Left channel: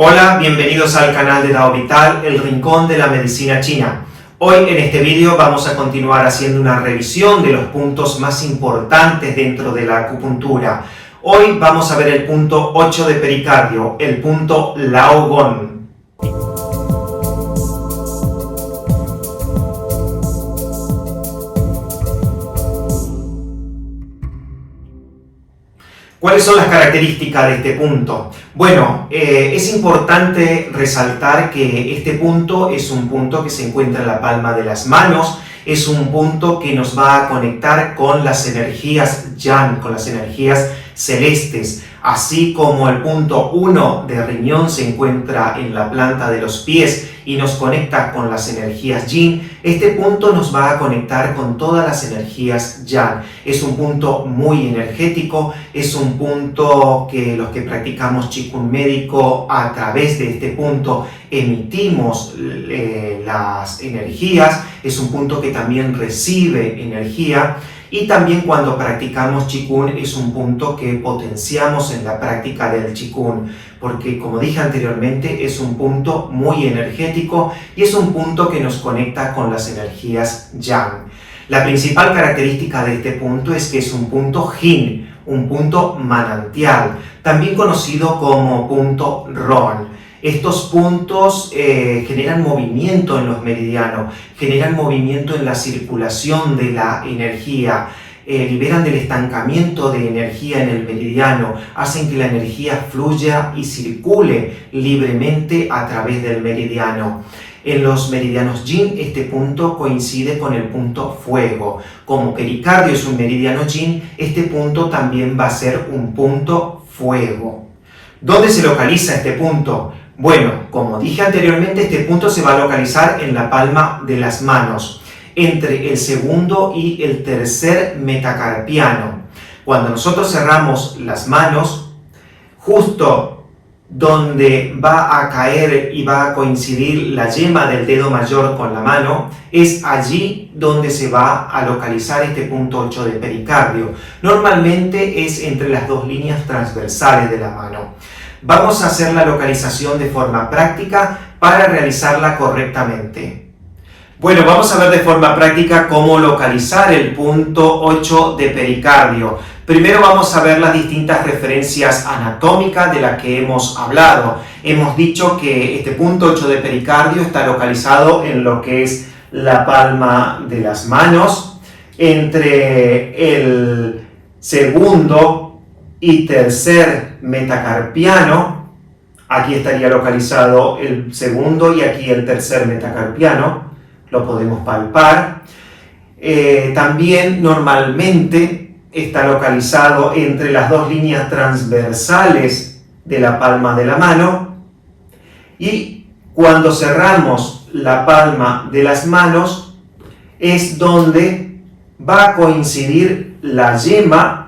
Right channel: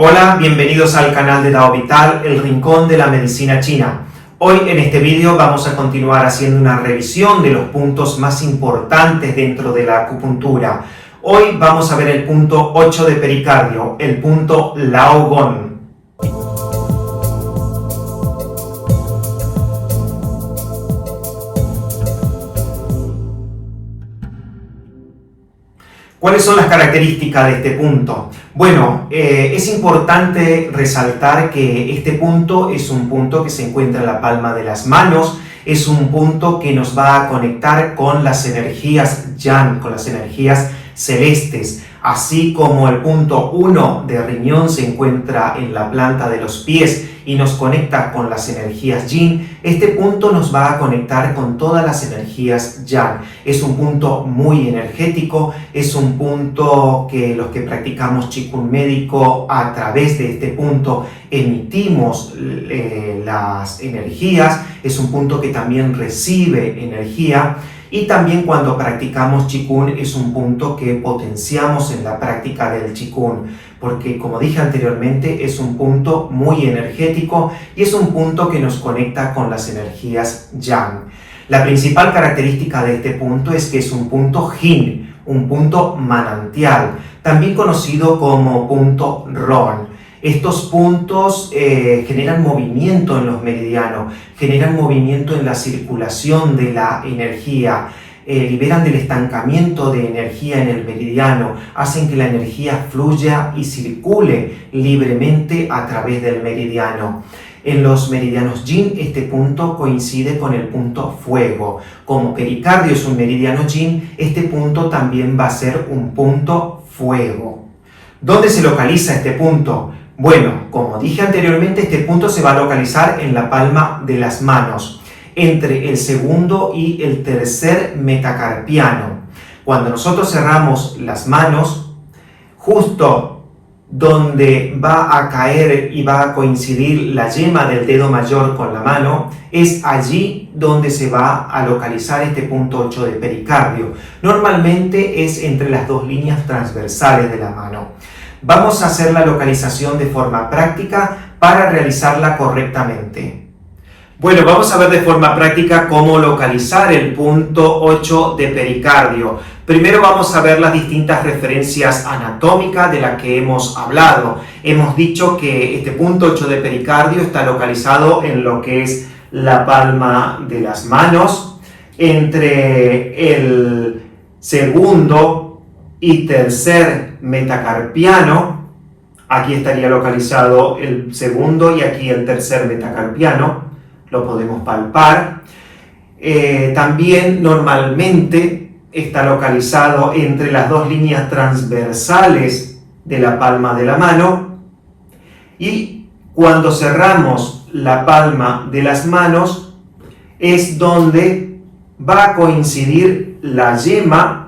Hola, bienvenidos al canal de Dao Vital, el rincón de la medicina china. Hoy en este vídeo vamos a continuar haciendo una revisión de los puntos más importantes dentro de la acupuntura. Hoy vamos a ver el punto 8 de pericardio, el punto Lao Gong. ¿Cuáles son las características de este punto? Bueno, es importante resaltar que este punto es un punto que se encuentra en la palma de las manos, es un punto que nos va a conectar con las energías yang, con las energías celestes, así como el punto 1 de riñón se encuentra en la planta de los pies y nos conecta con las energías yin. Este punto nos va a conectar con todas las energías yang. Es un punto muy energético, es un punto que los que practicamos Qigong médico a través de este punto emitimos las energías, es un punto que también recibe energía. Y también cuando practicamos Qigong es un punto que potenciamos en la práctica del Qigong, porque como dije anteriormente es un punto muy energético y es un punto que nos conecta con las energías yang. La principal característica de este punto es que es un punto yin, un punto manantial, también conocido como punto Ron. Estos puntos generan movimiento en los meridianos, generan movimiento en la circulación de la energía, liberan del estancamiento de energía en el meridiano, hacen que la energía fluya y circule libremente a través del meridiano. En los meridianos yin este punto coincide con el punto fuego. Como pericardio es un meridiano yin, este punto también va a ser un punto fuego. ¿Dónde se localiza este punto? Bueno, como dije anteriormente, este punto se va a localizar en la palma de las manos, entre el segundo y el tercer metacarpiano. Cuando nosotros cerramos las manos, justo donde va a caer y va a coincidir la yema del dedo mayor con la mano, es allí donde se va a localizar este punto 8 de pericardio. Normalmente es entre las dos líneas transversales de la mano. Vamos a hacer la localización de forma práctica para realizarla correctamente. Bueno, vamos a ver de forma práctica cómo localizar el punto 8 de pericardio. Primero vamos a ver las distintas referencias anatómicas de las que hemos hablado. Hemos dicho que este punto 8 de pericardio está localizado en lo que es la palma de las manos, entre el segundo y tercer metacarpiano. Aquí estaría localizado el segundo y aquí el tercer metacarpiano, lo podemos palpar. También normalmente está localizado entre las dos líneas transversales de la palma de la mano, y cuando cerramos la palma de las manos es donde va a coincidir la yema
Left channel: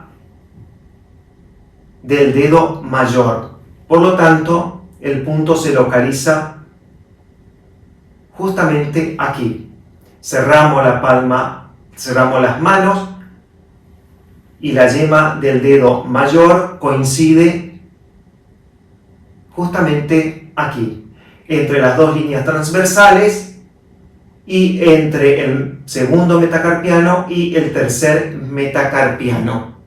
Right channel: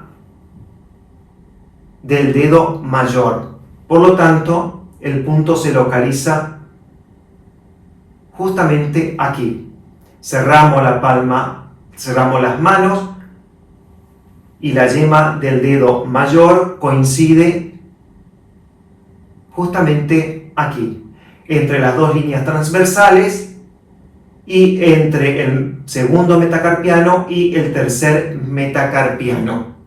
del dedo mayor. Por lo tanto, el punto se localiza justamente aquí. Cerramos la palma, cerramos las manos y la yema del dedo mayor coincide justamente aquí, entre las dos líneas transversales y entre el segundo metacarpiano y el tercer metacarpiano.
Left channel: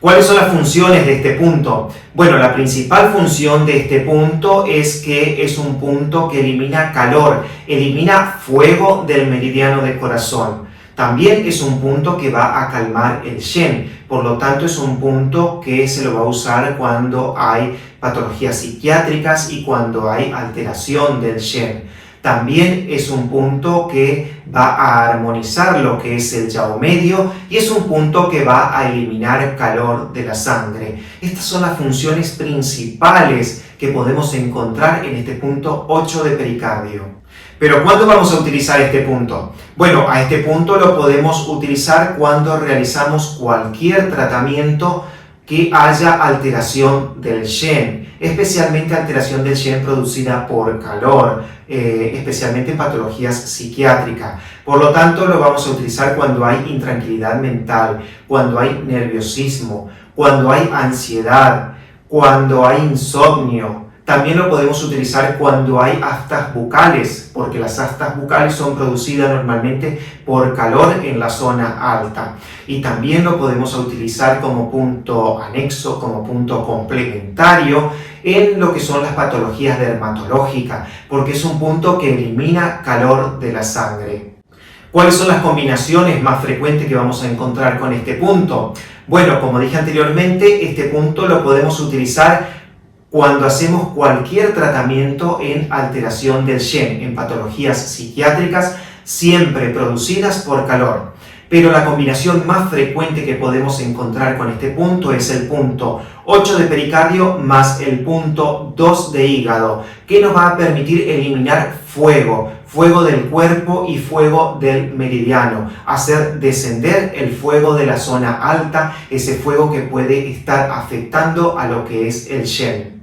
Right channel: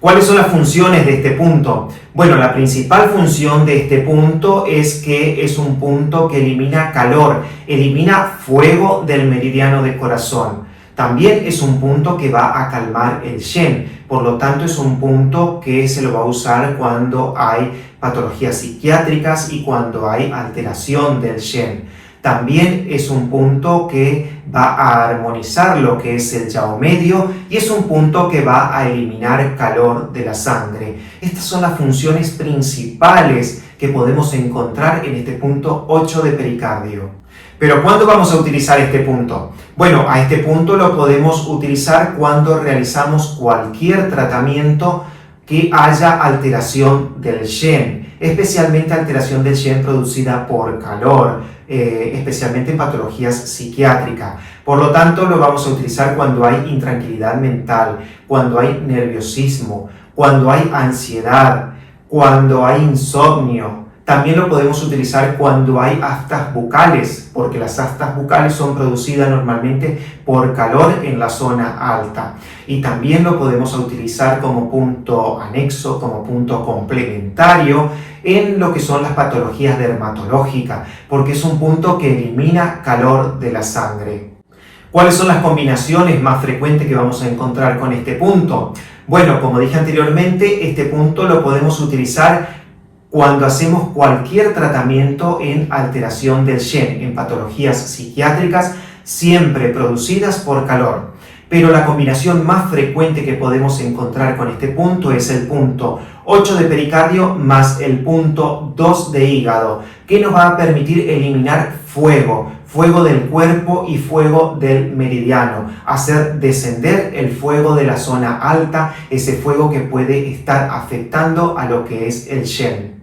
¿Cuáles son las funciones de este punto? Bueno, la principal función de este punto es que es un punto que elimina calor, elimina fuego del meridiano de corazón. También es un punto que va a calmar el Shen, por lo tanto es un punto que se lo va a usar cuando hay patologías psiquiátricas y cuando hay alteración del Shen. También es un punto que va a armonizar lo que es el Yao medio y es un punto que va a eliminar calor de la sangre. Estas son las funciones principales que podemos encontrar en este punto 8 de pericardio. Pero ¿cuándo vamos a utilizar este punto? Bueno, a este punto lo podemos utilizar cuando realizamos cualquier tratamiento que haya alteración del Shen, especialmente alteración del Shen producida por calor, especialmente en patologías psiquiátricas. Por lo tanto, lo vamos a utilizar cuando hay intranquilidad mental, cuando hay nerviosismo, cuando hay ansiedad, cuando hay insomnio, También lo podemos utilizar cuando hay aftas bucales, porque las aftas bucales son producidas normalmente por calor en la zona alta. Y también lo podemos utilizar como punto anexo, como punto complementario en lo que son las patologías dermatológicas, porque es un punto que elimina calor de la sangre. ¿Cuáles son las combinaciones más frecuentes que vamos a encontrar con este punto? Bueno, como dije anteriormente, este punto lo podemos utilizar cuando hacemos cualquier tratamiento en alteración del Shen, en patologías psiquiátricas, siempre producidas por calor. Pero la combinación más frecuente que podemos encontrar con este punto es el punto 8 de pericardio más el punto 2 de hígado, que nos va a permitir eliminar fuego del cuerpo y fuego del meridiano, hacer descender el fuego de la zona alta, ese fuego que puede estar afectando a lo que es el Shen.